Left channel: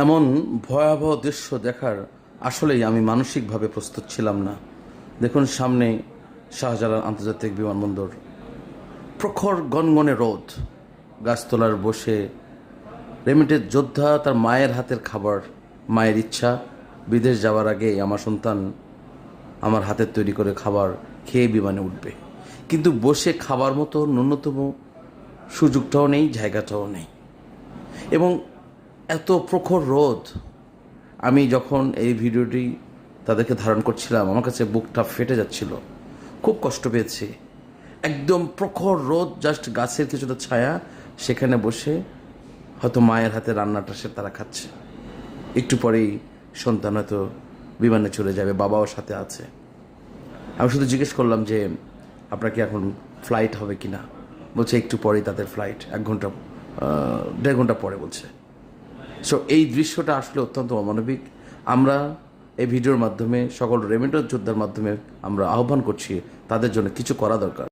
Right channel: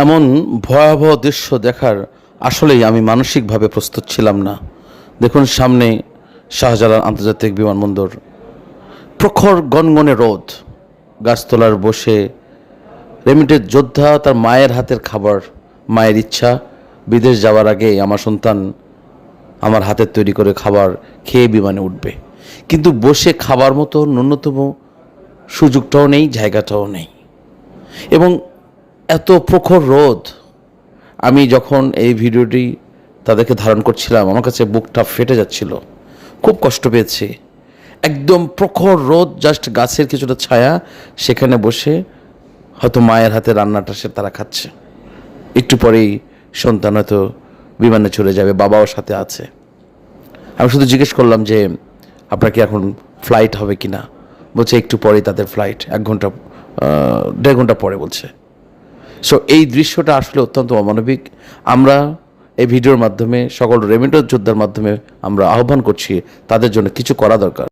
এমন ভয়াবহ দৃশ্য দেখার আসলেই আমি মানসিকভাবে প্রস্তুত ছিলাম না। দেখুন, সামনে শাহজালাল আন্তর্জাতিক বিমানবন্দর, প্রখর গনগনে রোদ, গাছতলার বসে রেমিটেড যোদ্ধা তার মায়ের হাতের খাবার, মায়ের ইচ্ছা বিদেশ যাওয়ার আগে আমার সন্তান আমার হাতের তৈরি করে খাবার খেয়ে বিমানে উঠবে। কিন্তু বসে খাবার মতো ন্যূনতম সুযোগটাও নেই, জায়গাটাও নেই। এবং এত প্রখর রোদ, আমি যখন এই ভিডিওটি তাদেরকে ধারণ করছিলাম আমার কাছে বুকটা ফেটে যাচ্ছিল, খুব কষ্ট পেয়েছি। একদম প্রখর রোদ, জাস্ট গাছের কিছুটা ছায়া, সেখানে বসে হয়তো মায়ের হাতে রান্নাটা তারা খাচ্ছে। একটু পরেই সন্তান হয়তো বিমানে চলে যাবে, বাবাও সাথে আছে। আমি শুধু জিজ্ঞেস করলাম যে আপনার কি এখন ফ্লাইট হবে কি না? বলছে একটু পরেই তাদের ফ্লাইট, 1 ঘন্টা 1.5 ঘন্টা পরে বলছে। সো এই দৃশ্যটা আসলে অত্যন্ত অমানবিক। আমরা এই ভিডিওর মাধ্যমে সকল রেমিটেন্স যোদ্ধার মাধ্যমে আমরা আহ্বান করছি, তাদের জন্য কিছু করা দরকার।